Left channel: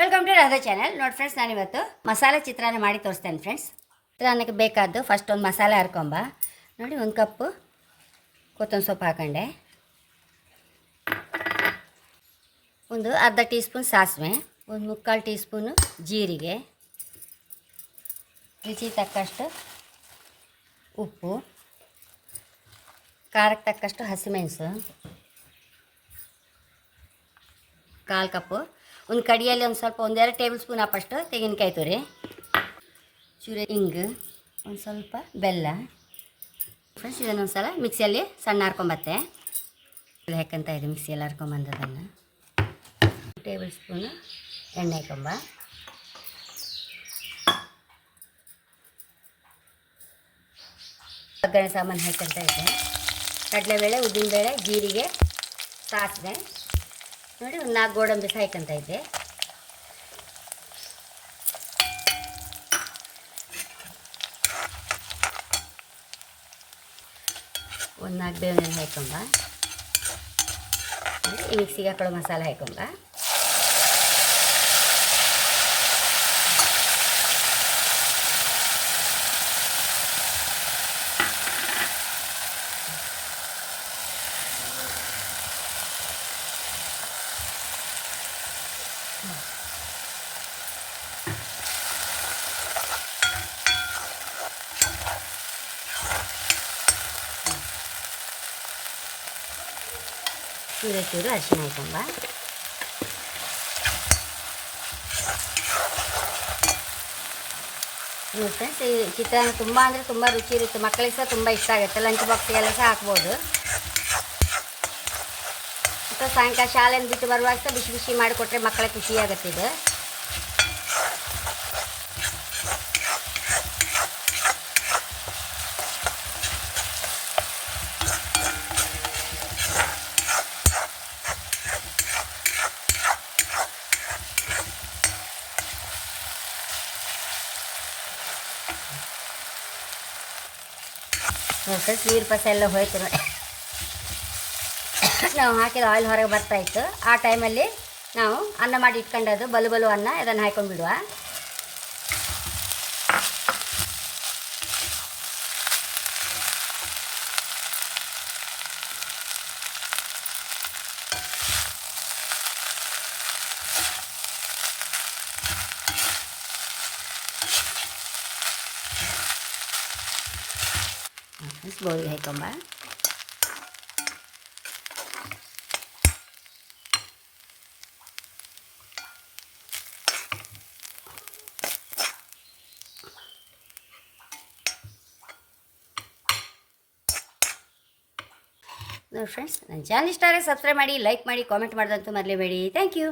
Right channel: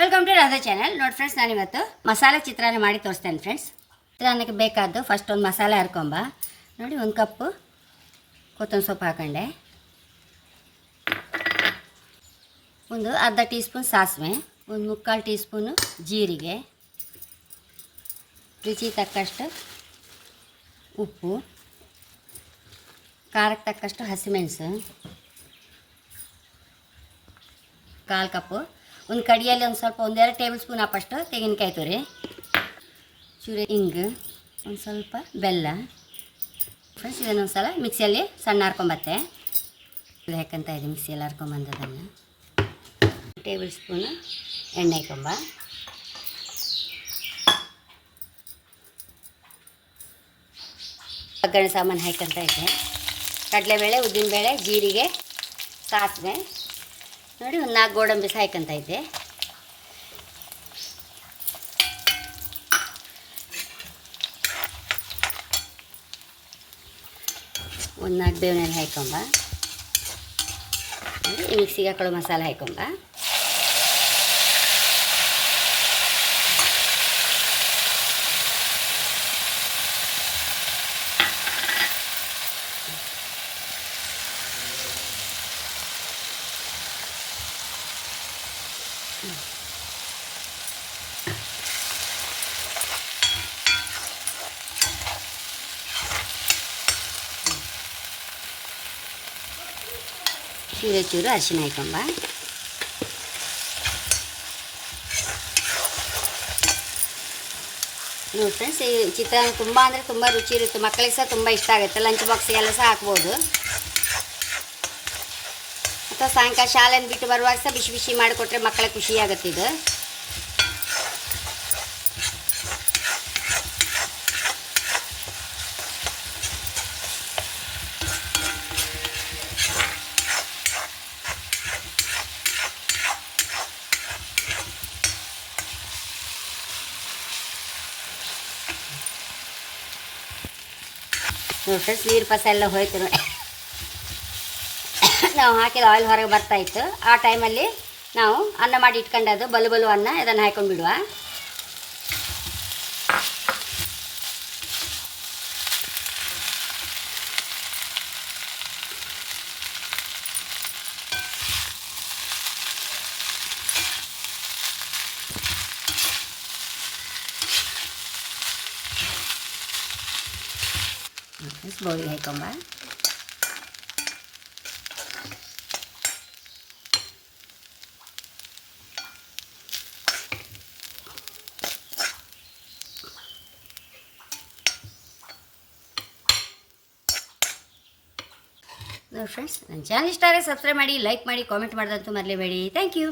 Welcome to Radha channel ನೋಡಿ friends ನಾನು ಇವತ್ತು ಮಸಾಲೆ ಚಿತ್ರಾನ್ನ ಮಾಡಿ ತೋರಿಸ್ತೇನೆ ಫ್ರೆಂಡ್ಸ್ ಚಿತ್ರಾನ್ನಕ್ಕೆ ಬೇಕಾದ್ದು ಫಸ್ಟ್ ಒಂದು ಮಸಾಲೆ ಹರ್ಕೊಂಬ ನೋಡಿ, ಒಂದು ಕಪ್ಪು ಕೊತ್ತಂಬರಿ ಸೊಪ್ಪು ಹಾಕೊಂಡೆ. ಒಂದು ಅರ್ಧ ಟೀ ಸ್ಪೂನ್ ಸಾಸಿವೆ, ಒಂದು ಮುಕ್ಕಾಲು ಟೀ ಸ್ಪೂನು ಜೀರಿಗೆ, ರುಚಿ ತಕ್ಕಷ್ಟು ಉಪ್ಪು, ಖಾರಕ್ಕೆ ತಕ್ಕಷ್ಟು ಹಸಿಮೆಣಸು, ಕಾಲು ಕಪ್ಪು. ಒಂದು ಕಡಿಯಲ್ಲಿ ಒಂದು ಸ್ವಲ್ಪ ಒಂದೆರಡು ಟೇಬಲ್ ಸ್ಪೂನ್ ಹಾಕಷ್ಟು ತೆಂಗಿನಕಾಯಿ ತುರಿ, ಚೂರು ಹಿಂಗ ಒಂದು ಸ್ವಲ್ಪ ಬೆಲ್ಲ. ಫ್ರೆಂಡ್ಸ್ ಇದನ್ನೊಂದು ಸಲ ಮಿಕ್ಸಿಯಲ್ಲಿ ಸಣ್ಣ ಹಾರ್ಕೊಂಬತ್ತೆ ಹಾಕಂತ ಇದೆ ಮಿಕ್ಸಿಯಲ್ಲಿ ಹರ್ಕೊಂಬಂದದನ್ನು ಟೇಬಲ್ ಸ್ಪೂನು ಎಣ್ಣೆ ಹಾಕೊಂಬ ಒಗ್ಗರಣೆ ಸಾಮಾನು ಹಾಕಂತ ಇದೆ. ಕಡಲೆಬೇಳೆ, ಉದ್ದಿನಬೇಳೆ, ಜೀರಿಗೆ, ಸಾಸಿವೆ. ನೋಡಿ ಒಂದು ನಾಲ್ಕು ಗೋಡಂಬಿ ಸಾಯ್ಕೊಂತ ಇದ್ದೆ ಒಂದು ನಾಲ್ಕು ಬೇವಿನ ಹಾಕೊಂಡ ಮಿಕ್ಸಿಗೆ ಹಾಕೊಳ್ಳೋ ಮಸಾಲೆ ಹಾಕೊಂಡ ಚೂರು ಚೂರು ಅರಿಶಿನ ಹಾಕೊಂಬ ಫ್ರೆಂಡ್ಸ್ ಈ ಚಿತ್ರಾನ್ನ ತುಂಬ ಅಂದರೆ ತುಂಬ ರುಚಿ ಇರುತ್ತೆ ಮಕ್ಕಳಿಗೆ ಸಹ ತುಂಬ ಇಷ್ಟ ಆಗುತ್ತೆ ಲಂಚ್ ಬಾಕ್ಸಿಗೆಲ್ಲ ಸಹ ಹಾಕ್ಬೋದು ಅಥವಾ ಸಾಯಂಕಾಲ ಶಾಲೆಯನ್ನು ಬಿಟ್ಟು ಬರುವಾಗ ಸಹ ಬಿಸಿ ಬಿಸಿ ಮಾಡಿಕೊಟ್ರೆ ಮಕ್ಕಳ ಖುಷಿಯಾಗುತ್ತೆ ಇದು ನೋಡಿ ನೀರು ಪಸ ಎಲ್ಲ ಹೋಯ್ತು. ನಾವು ಹಾಕಿದ ಆಯಿಲ್ ಹೊರಗೆ ಬರ್ತಾ ಇತ್ತು ಆ ಟೈಮಲ್ಲಿ ನಾವು ಅನ್ನ ಮಾಡಿ ಇಟ್ಕೊಂಡದು ಬಲು ಬಲು ಅನ್ನ ಇದನ್ನು ಹಾಕೊಂಡು ಬಿಡುವ ಬೌಲಿಗೆ ಹಾಕೊಂಬ ನೋಡಿ ಫ್ರೆಂಡ್ಸ್ ನನ್ನ ಚಾನಲ್ ಇಷ್ಟ ಆದರೆ ಸಬ್ಸ್ಕ್ರೈಬ್ ಮಾಡಿ ಲೈಕ್ ಮಾಡಿ ಕಾಮೆಂಟ್ ಮಾಡೋದಂತೂ ಮರಲೇಬೇಡಿ ಥ್ಯಾಂಕ್ ಯು